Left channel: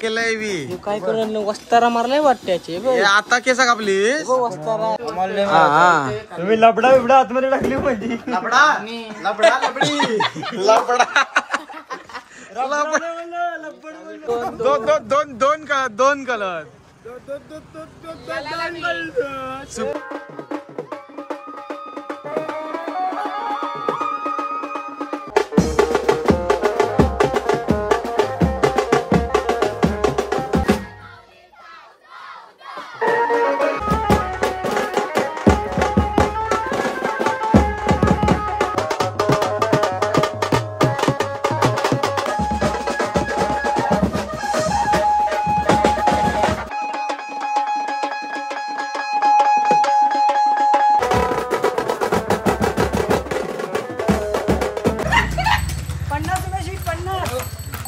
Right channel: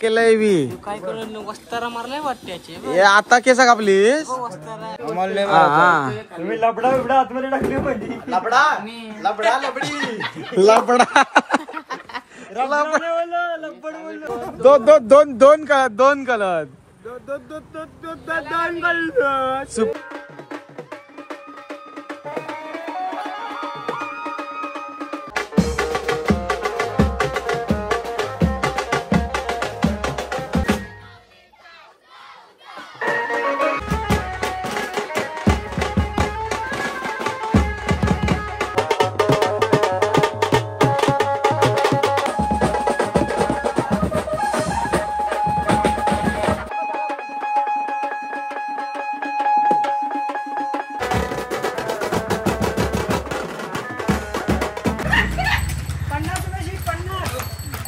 केलंय बी काय करून वस्तारा मारलाय वाटत्याचे आता केसा कापली वस्तारा तुम्ही लबडा बिबडा आतमध्ये टाकली पाहिजे. लबडा लबडा लबडी दोन कलर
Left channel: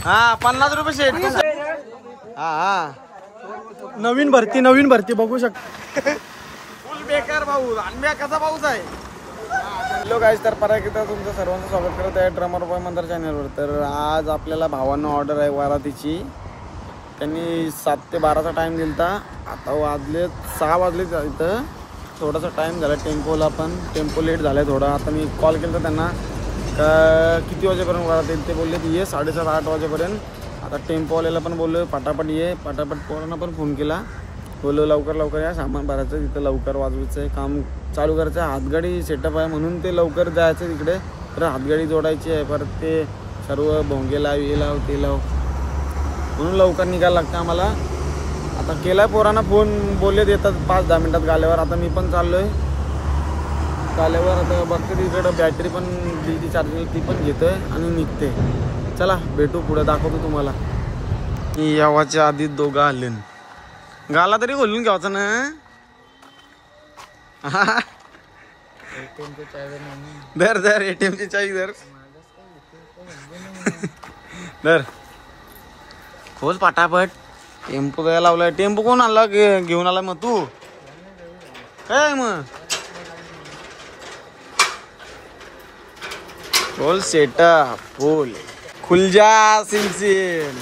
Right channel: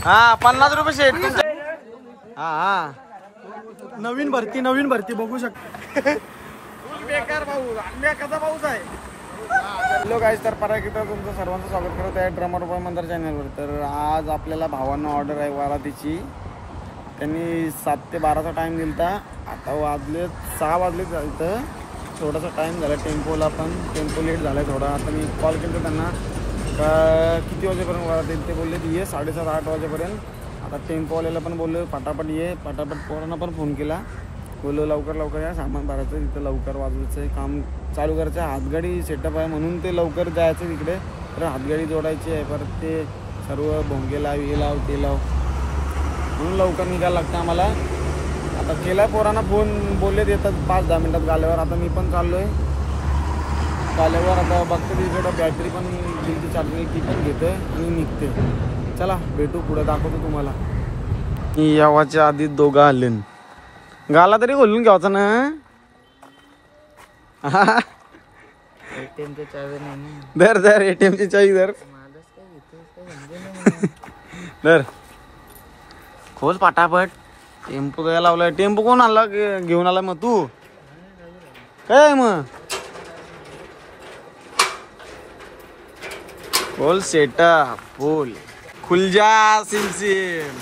हा 50 रुपये शेट. हा नवीन भरती बघू शकता. फुल बेकार पाऊस कसा पाऊस आहे. हॅलो गाईज, तर परत एकदा तुमचं सर्वांचं स्वागत करत आहे ड्रमर बॉय मंदार चॅनलवर. तर आज आपल्याला भावांना ऑर्डर आहे वरातीची. त्यांनी 7 ते 12चा टाइम दिलता. आता वाजले 6 वाजले. इथं थोडासा टाइम झाला. टेम्पो लेट झालाय थोडा. आता मी कॉल केला त्यांना का किती वाजेपर्यंत वरात येईल. ते बोलले ये 7:30-8 वाजेपर्यंत. आता टेम्पोवाल्याला पण बोललो फटाफट ये. फटाफट पोरांना पण फोन केला. बोललो लवकर या, सामान भरायचं तिथं, लवकर वाजवायचं आहे, काम चालू करायचं आहे. हातगाडी सेटअप आहे म्हणून ते लवकर जायचं तिकडे. तर हातगाडी जोडायची आहे. परत ते सर्व भोंगे लाव, हे लाव ते लाव, म्हणून लवकर निघायला लागतं आम्हाला. आता केलाय पोरांना फोन. बोललेत येतात 5-10 मिनिटात गाल्यावर. आता मी पण चाललोय गाल्यावर. आता बघते तिकडं बॅटरी पण दिली चार्जिंग, ती पण घेतोय आणि निघते. चला भेटू पुढे, दाखवतो तुम्हाला. यावाच्या आधी दोघं आले. गाला तरी खोलून घ्यायचा ना. धर एटीएमची चावी धर खोल पाटापट. टेम्पो काय लावलाय. टेम्पो कोण आणला घेऊन आला मग तू काय मग. खोल सेटअप फुल. खुल जा सिंसिन.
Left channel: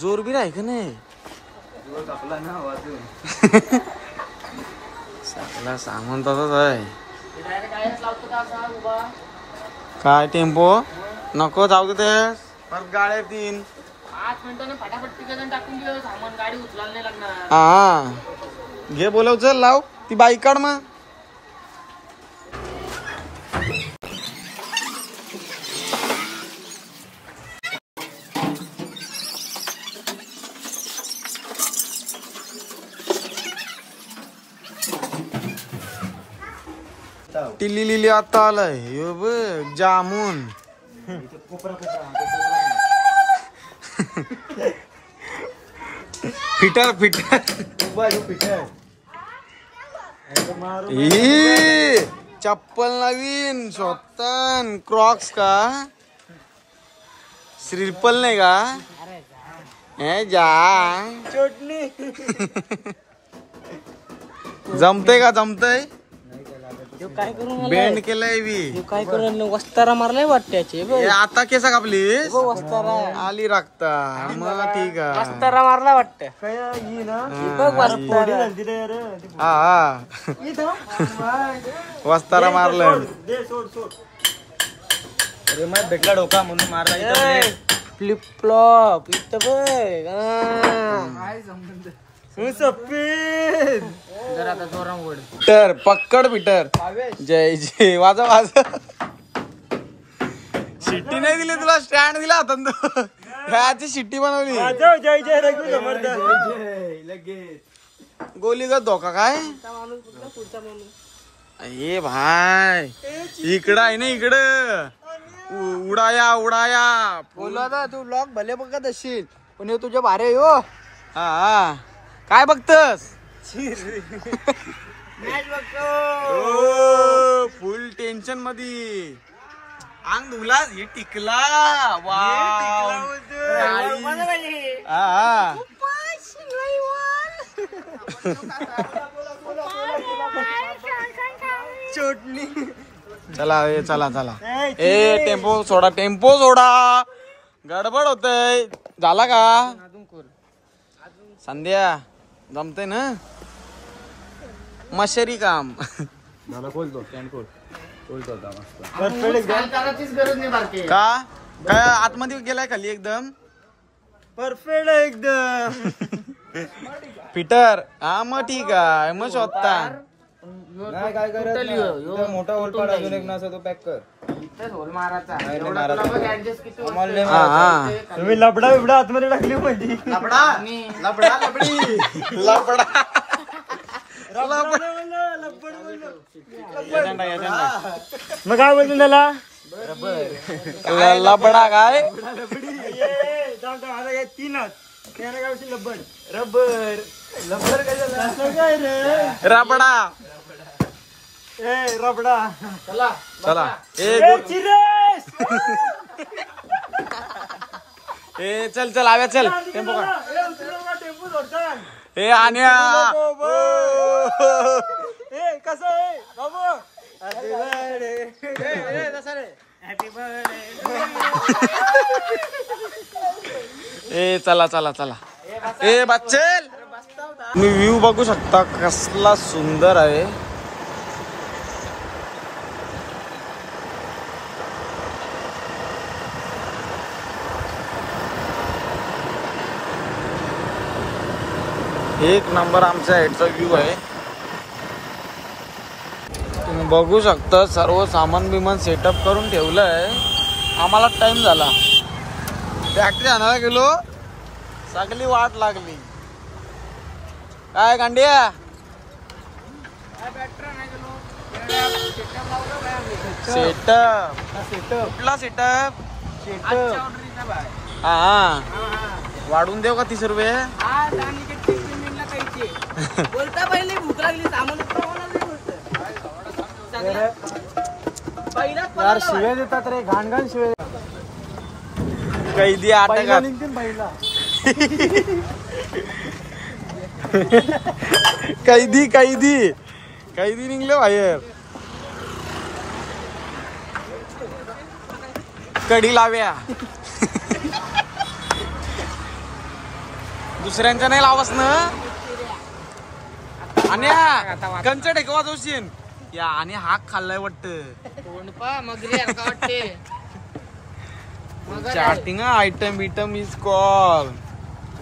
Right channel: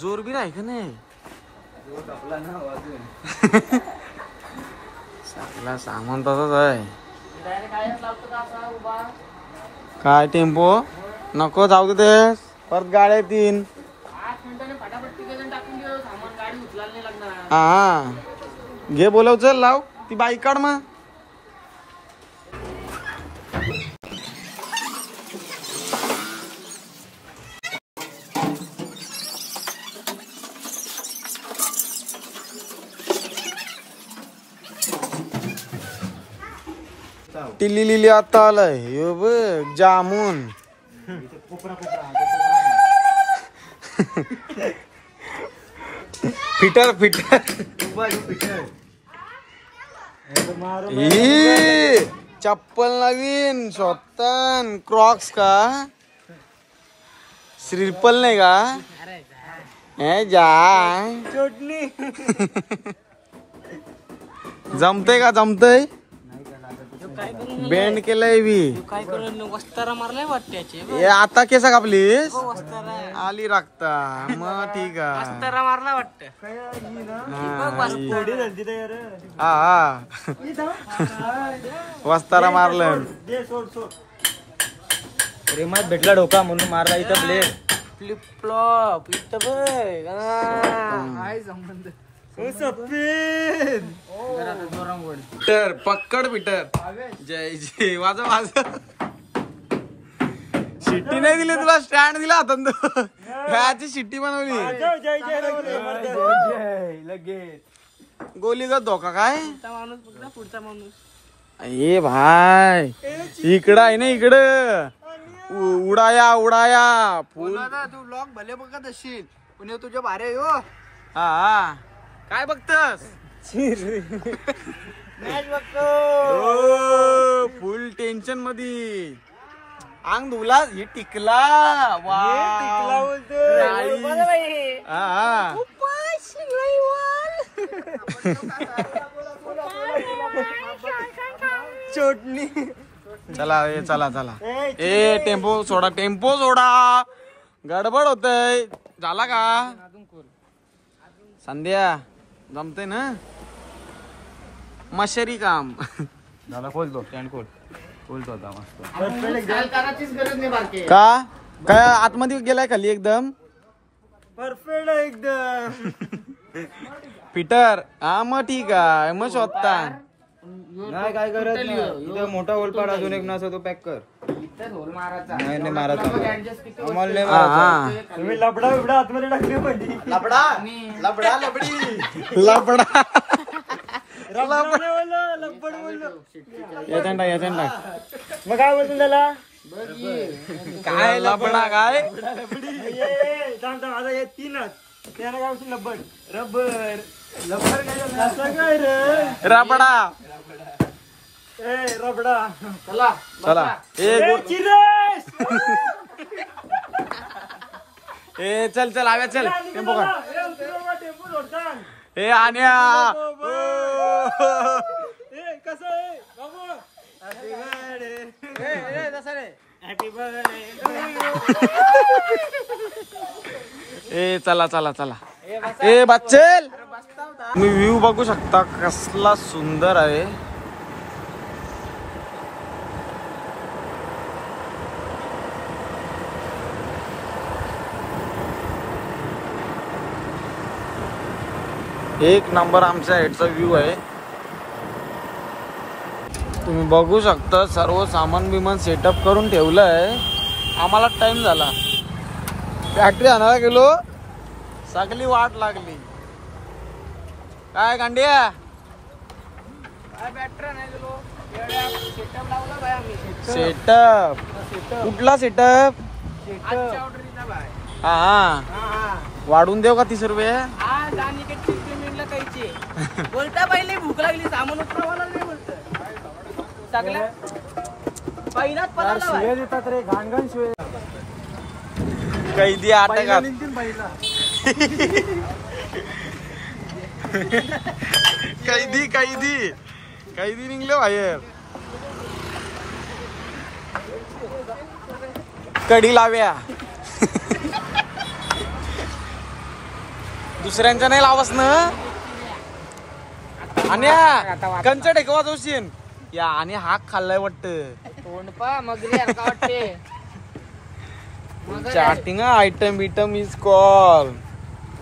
जोर भी राही का नाही. सगळा सामान तसंच आहे. काय टेम्पो नको जाऊ दे. परत गाड्या 3 हा घे. बोलव चल लाव ती बाईक काढ मग. टिल्ली लिली आता आलाय. यो बघ जामून. फिटर चप्पल नवीन स्वतः क्रॉक्स का. श्रीपल नाही का. हे जा जमतय का. जमतय. बेंड केलंय बी. काय करून वस्तारा मारलाय वाटत्याचे आता केसा कापली वस्तारा आली राखता. मग ठीक आहे. वस्तारा मारला वाटत. हा वस्तारा मारलं. भेटला डोका म्हणून मारला. फ्लिप फ्लॉप इथं तर पक्कड पिटर. जय वाजा. शिट्टी नाही दिली तुला. स्टँड दिला आता. ह्याची शिट्टी बनवली. गोलीचा धोका काय. ए भाई इकडं आहे ना. इकडं उडाया बोला. तू लॉक भले बघत असशील पण हे तुझ्या भारे हो. हा काय बघतस. मॅच बघतो. फुल टेन्शन मध्ये. अंग धुला ही टिकला. वाव चटणी चला चला चला ए टेम्पो सोडा गडबड होतय. झाला का संध्या जमते ना मशरी काम. का काय आतमध्ये गेलाय खाली एकदम परफेक्ट एकदम. पीटर हा मग ठीक आहे मग शोधता. मोठा होल अजून एक नसा तो पॅक कर. हा हा तुम्ही लबडा बिबडा आतमध्ये टाकली पाहिजे. लबडा लबडा लबडी लबडा मग काय बोलतो त्याला लबडा काय आता तीनच त्याला काय लब्बड रबर लब्बर काय रे रबडा ए रबडा. चला ए चल चल आव्या चल टेम्पो का ए आण्या कसं आहे बाबू हॅपी बर्थडे. ए चला चला चला ए बच्चेल तुम्ही व्ह्यू बघू शकता कसला सुंदर आहे. एक नंबर आमच्या हेडचा व्ह्यू आहे. तुम्ही बघू शकता सर्व सामान बिमान सेटअप करून ठेवलं आहे. आम्हाला टाइम झाला फॅक्टरी आणायला गेलो सगळी वाट लागली. काय गांडिया सेटअप कुठला सेटअप हा हा वाढून देऊ का 30 रुपये. बोलता पहिले भूक लागली सामान उतरवायला नाही बोलत यार शिव्या देतात रे घाण घाण शिव्या. कैदी आता कैदी कैदी कैदी निघले बाहेर. कडी लाव्या दुसऱ्यांच्या नाही लावस ना. आणि कंच टेकवा जोशीन या आणि हाक खाल्लाय वाटत चाटिंग आयटम बिटम इज कॉल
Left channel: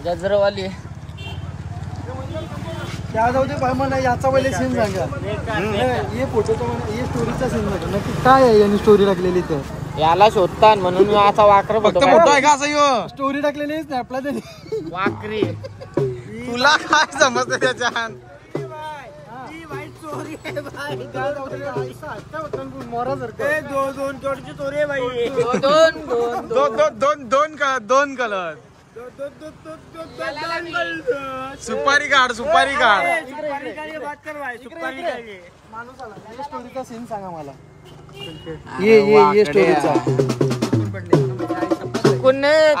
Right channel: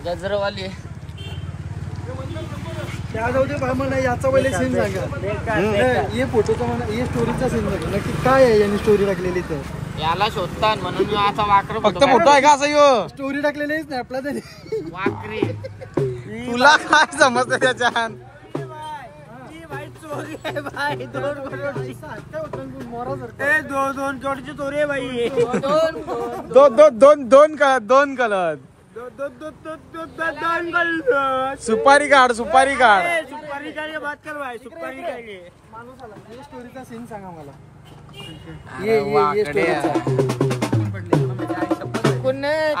गजरवाली मला याचा पहिले सीन सांगा. हे फोटोचा मला हे स्टोरीचा सीन सांगा नक्की काय आहे यांनी स्टोरी टाकलेली तर. याला शोधतात म्हणून मी असा वाकर फक्त मोठा आहे का असं यो स्टोरी टाकलेली स्नॅपला त्यांनी. वाकरी तुला काय समजतं त्याच्यात. दोन कलर सुपारी काढ सुपारी काढ. स्टोरीचा सीन सांगा मला.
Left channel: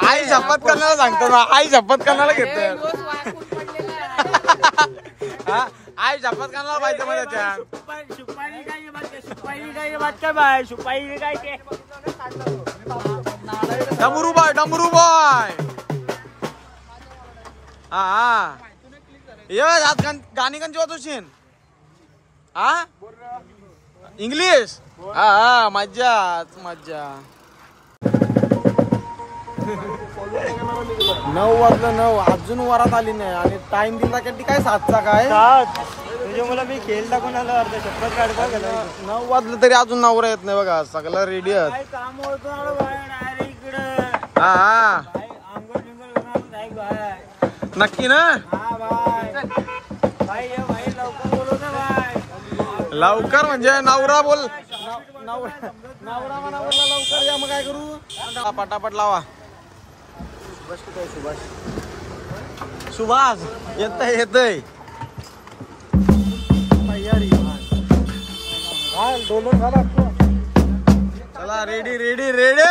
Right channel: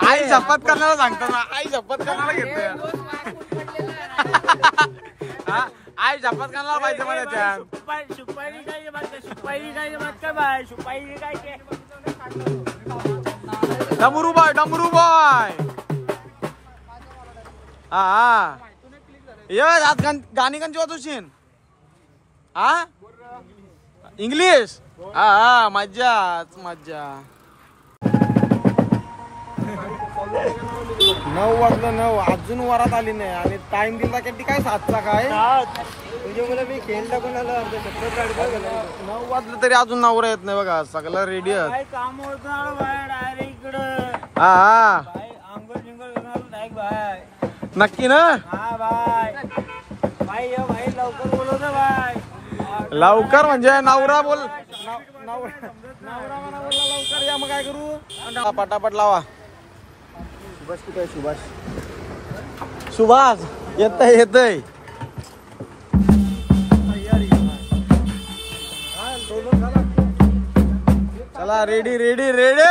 आई शपथ करण्याला सांगतो ना. आई शपथ करण्याला घेत आई शपथ करण्याला पाहिजे मग त्याच्यात. डमरू बाय हा ये आज गाणी कंची वाजवशील हा इंग्लिश हा हा मज्जाच मज्जा. 9 वाजलं 9 अजून वरात आली नाही आणि टाइम दिला की काय 7चा काय मी खेळला कोणाला अर्ध शपथ काढता. 9 वाजलं तरी अजून नवरा येत नाही बघा सगळं रेडी आहेत. हा हा नक्की ना लवकर म्हणजे नवरा बोल नवरा म्हणा बोलला लवकर या मग काय करू पटापट लावा. सुभाष येतय चला रेडी रेडी रेडी.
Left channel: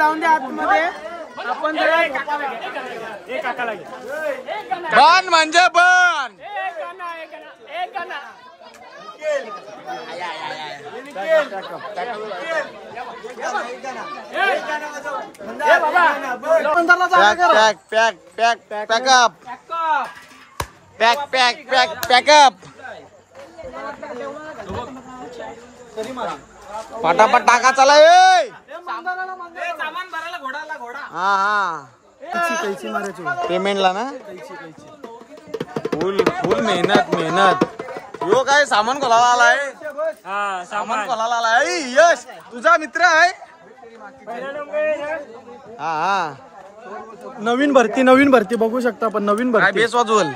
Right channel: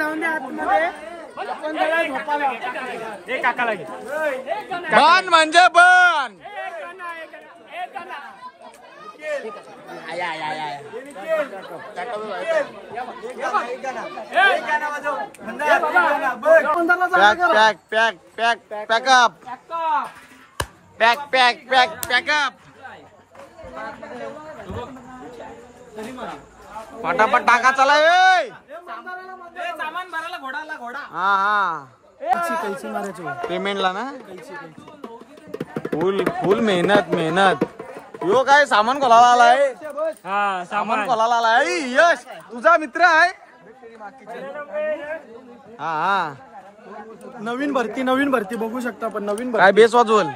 जाऊन दे आतमध्ये आपण बन म्हणजे bun. Pack pack pack pack pack up pack pack pack pack up. पटापट टाका चला. सामान भरायला घोडाला घोडा. हा हा कैची मारायचो पेमेंटला ना. फुल फुल मेहनत मेहनत. यो काय सामान खोलायला आलाय. सामान खोलायला आलाय. यश तुझा मित्र आहे. हा हा नवीन भरती बघू शकता आपण. नवीन काय बेस वाजवल.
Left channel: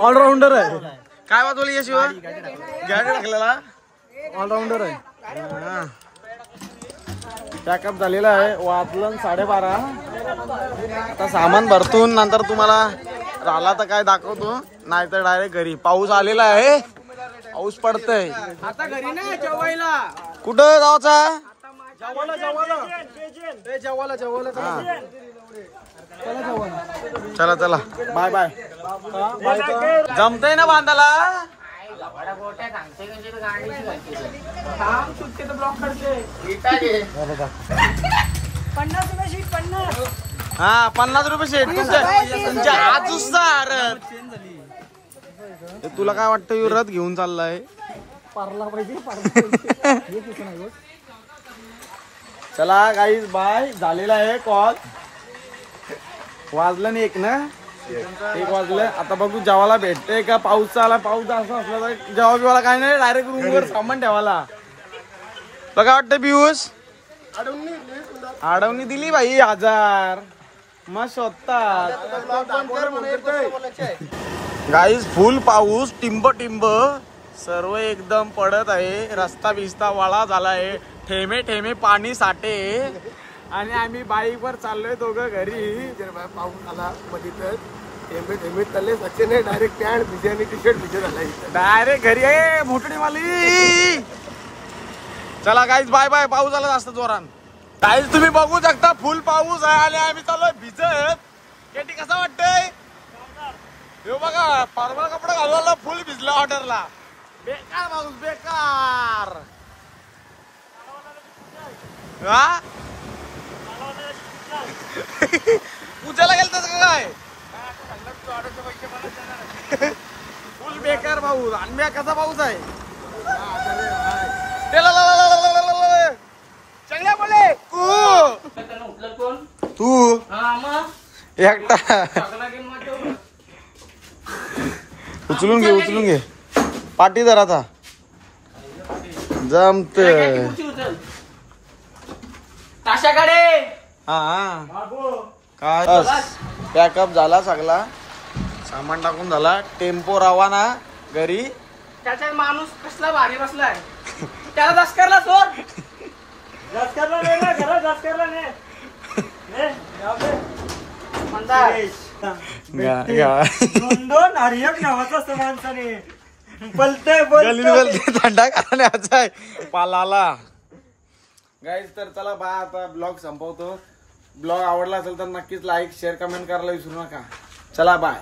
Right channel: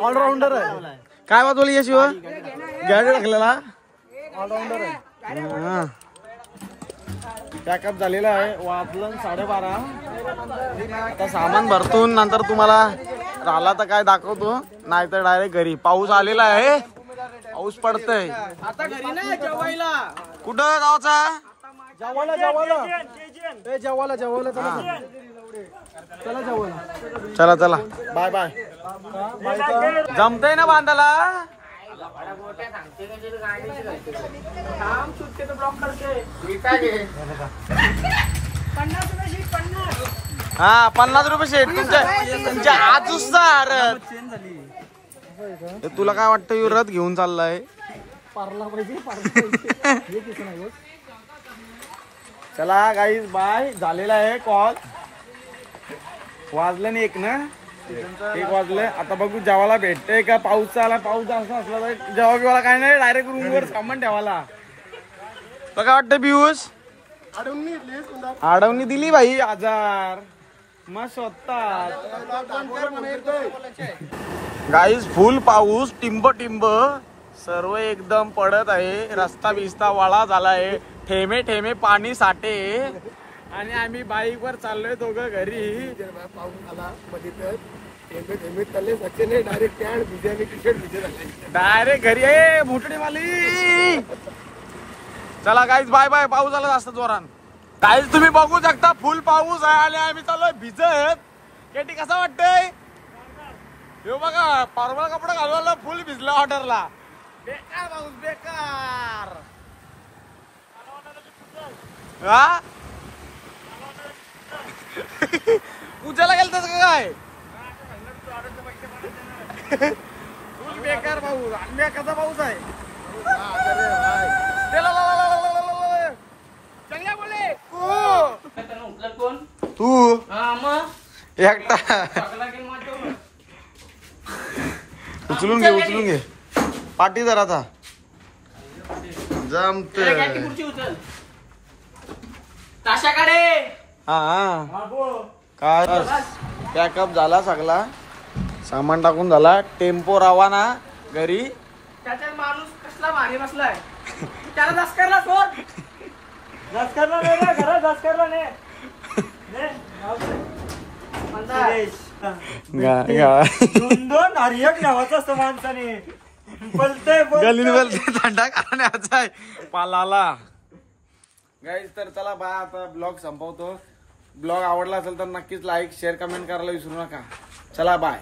ऑलराऊंडर आहे. काय वाजवल यश. घ्यायला ऑलराऊंडर आहे. पॅकअप झालेला आहे. वाजलं 12:30. आता सामान भरतून नंतर तुम्हाला राहिला तर काय दाखवतो, नाही तर डायरेक्ट घरी. पाऊस आलेला आहे. पाऊस पडतय. आता घरी नाही जेवायला. कुठं जायचा. चला चला बाय बाय. जमतय ना बांधाला. हा 50 रुपये शेट. तुमच्या आजूसार तुला काय वाटतं यो रथ घेऊन चाललाय. चला गाईज बाय. झालेला आहे कॉल. वाजलं नाही 1 ना. 1 वाजलं. आता बघू जेवायला भेटतंय का. पाऊस आला. पाऊस असा असला तर जेव्हा बिवाला काय नाही, डायरेक्ट रूमवर सामान ठेवायला. तुला काय वाटतं पियुष. अडवणी दिली भाई 1000 मग शोधतात. गाईज फुल पाऊस. टिंब टिंब सर्व एकदम पडत आहे. रस्ता बिस्ता वाळा झाला आहे. ठेमे ठेमे पाणी साठे. आणि आम्ही बाईक वर चाललोय दोघं घरी. पाऊस आला मध्ये तर थेंबे तले सचिन डायरेक्ट पॅन्ट भिजे टी शर्ट भिजे झाला. डायरेक्ट घरी आहे. मोठडी माली. चला गाईज बाय बाय. पाऊस आला जास्त जोरान. गाईज तुम्ही बघू शकता फुल पाऊस आहे आणि आम्ही चाललोय भिजत. केटी कसं वाटतंय. हे बघा फॉर्मल कपडे घालवायला फुल भिजला ऑर्डरला. बेकार पाऊस बेकार. हा पूजाला गेलत का काय. फुल बेकार पाऊस. आणि कसा पाऊस आहे. चांगला बोले तू एकटा. उचलून घे पाठी जरा. आता जमत. हा काय पॅकअप झाला सगळा. सामान टाकून झाला. टेम्पो रवाना घरी. त्याचा माणूस कसला भारी बसलाय. त्याला दसकरला सोड. दोन हरियक नावाचा असतो माणसाने. गलीत बोलते थंडा खाण्याचा आहे पालाला. गाईज तर चला बाय. आता ब्लॉग संपवतो. ब्लॉग आवडला असेल तर नक्कीच लाईक शेअर कमेंट करायला विसरू नका. चला बाय.